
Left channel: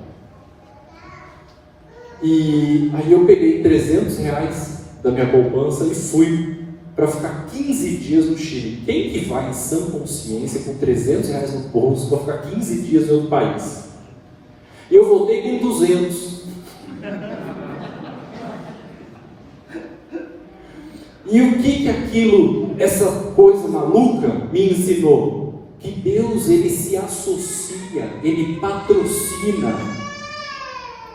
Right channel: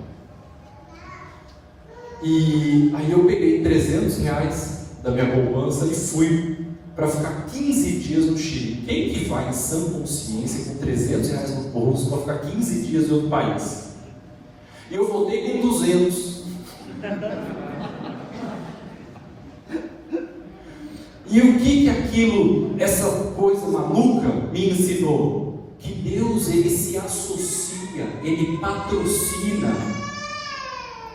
E aí eu peguei R$300 da minha poupança e fui para ficar 15 dias no Chile. Quem que vai em sã consciência com R$300 no bolso para ficar 15 dias em outro país? Eu voltei com 200. E o que aquilo, essa coisa maluca me ensinou? Que Deus, Ele se associa, Ele patrocina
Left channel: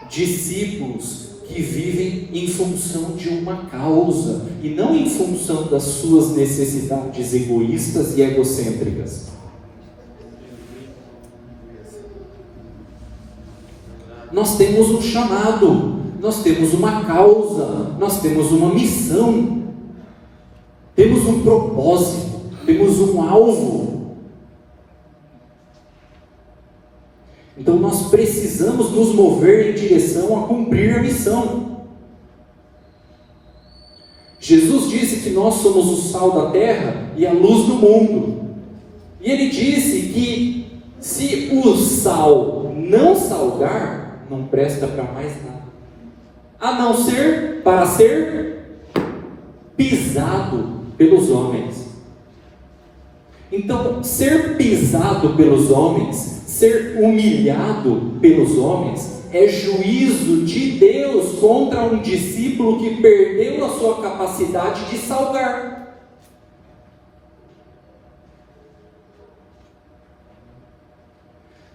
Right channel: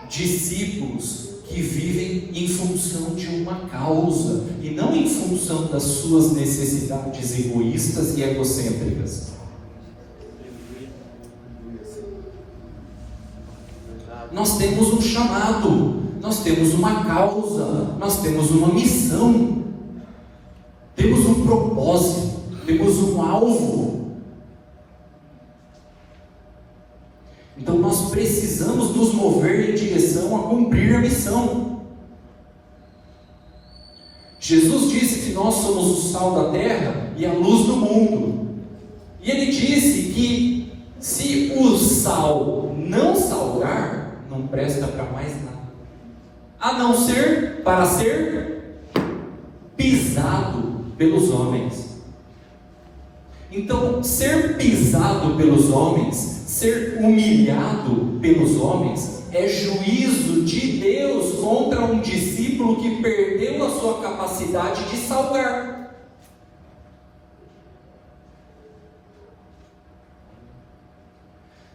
discípulos que vivem em função de uma causa e não em função das suas necessidades egoístas e egocêntricas. Nós temos um chamado, nós temos uma causa, nós temos uma missão, temos um propósito, temos um alvo. Então nós precisamos nos mover em direção a cumprir a missão. Jesus disse que nós somos o sal da terra e a luz do mundo. E Ele disse que se o sal não salgar, não presta para mais nada, a não ser para ser pisado pelos homens. Então, ser pisado pelos homens, ser humilhado pelos homens, é juízo de Deus contra um discípulo que perdeu a sua capacidade de salgar.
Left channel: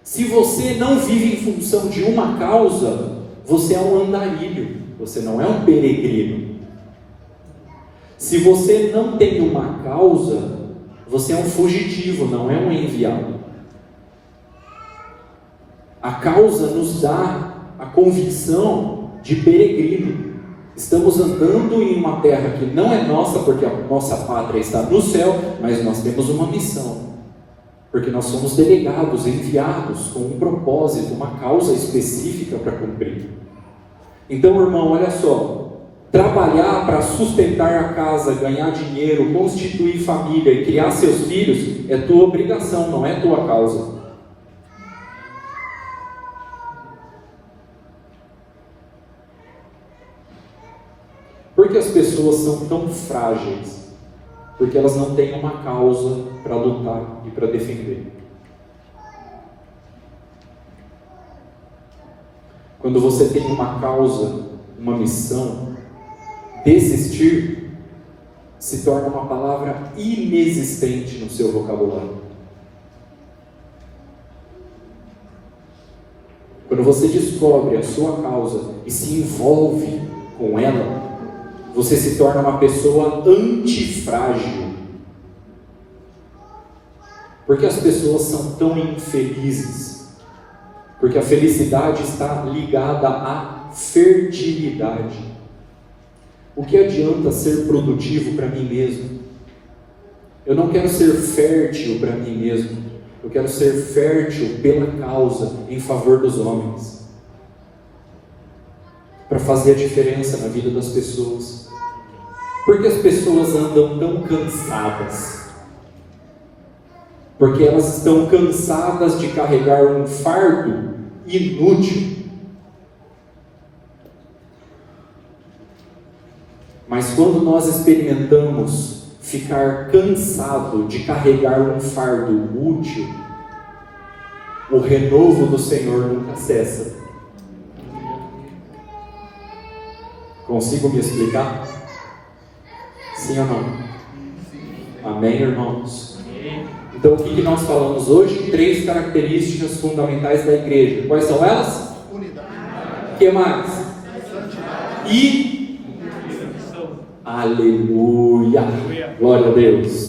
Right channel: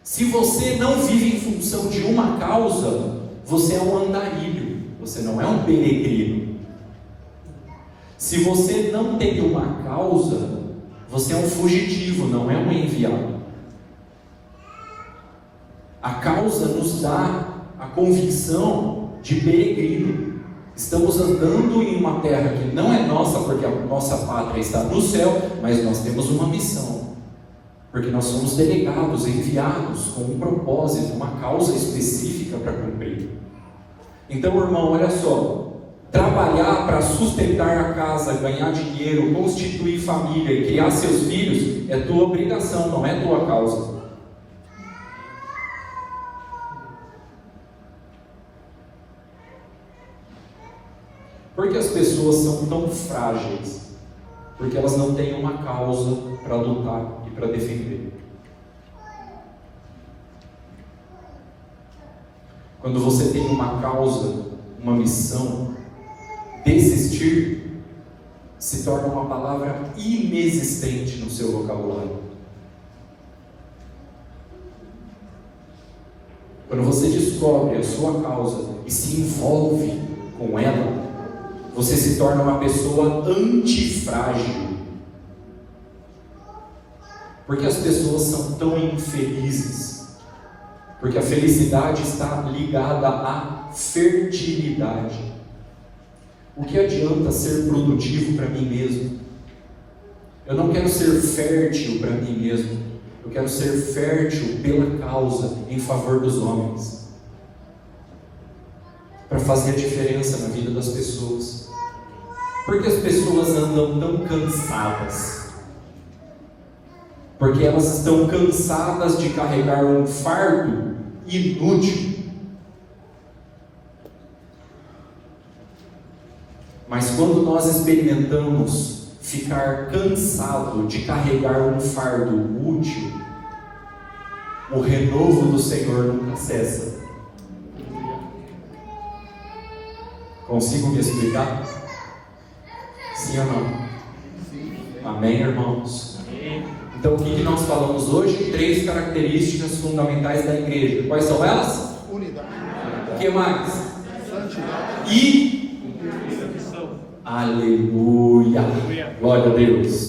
Se você não vive em função de uma causa, você é um andarilho, você não é um peregrino. Se você não tem uma causa, você é um fugitivo, não é um enviado. A causa nos dá a convicção de peregrino. Estamos andando em uma terra que não é nossa, porque a nossa pátria está no céu, mas nós temos uma missão. Porque nós somos delegados, enviados com um propósito, uma causa específica para cumprir. Então, irmão, olha só. Trabalhar para sustentar a casa, ganhar dinheiro, constituir família e criar seus filhos é tua obrigação, não é tua causa. Por que as pessoas são tão frágeis? Porque elas não têm uma causa para lutar e para defender. Quando você tem uma causa, uma missão, desistir se torna uma palavra inexistente no seu vocabulário. Quando você descobre a sua causa e se envolve com ela, você se torna uma pessoa antifrágil. Porque as pessoas são tão infelizes? Porque a felicidade está ligada à fertilidade. O que adianta ser produtivo para mim mesmo? Eu não quero ser fértil para mim mesmo. Eu quero ser fértil pela causa, em favor dos homens. Para fazer a diferença na vida das pessoas. Porque as pessoas andam tão cansadas? Porque elas estão cansadas de carregar um fardo inútil. Mas quando nós experimentamos ficar cansado de carregar um fardo útil, o renovo do Senhor nunca cessa. Consigo me explicar? Sim ou não? Amém, irmãos? Então, o que nós falamos hoje? 3 características fundamentais da igreja. Quais são elas? Unidade. O que mais? Santidade. E... Aleluia! Glória a Deus!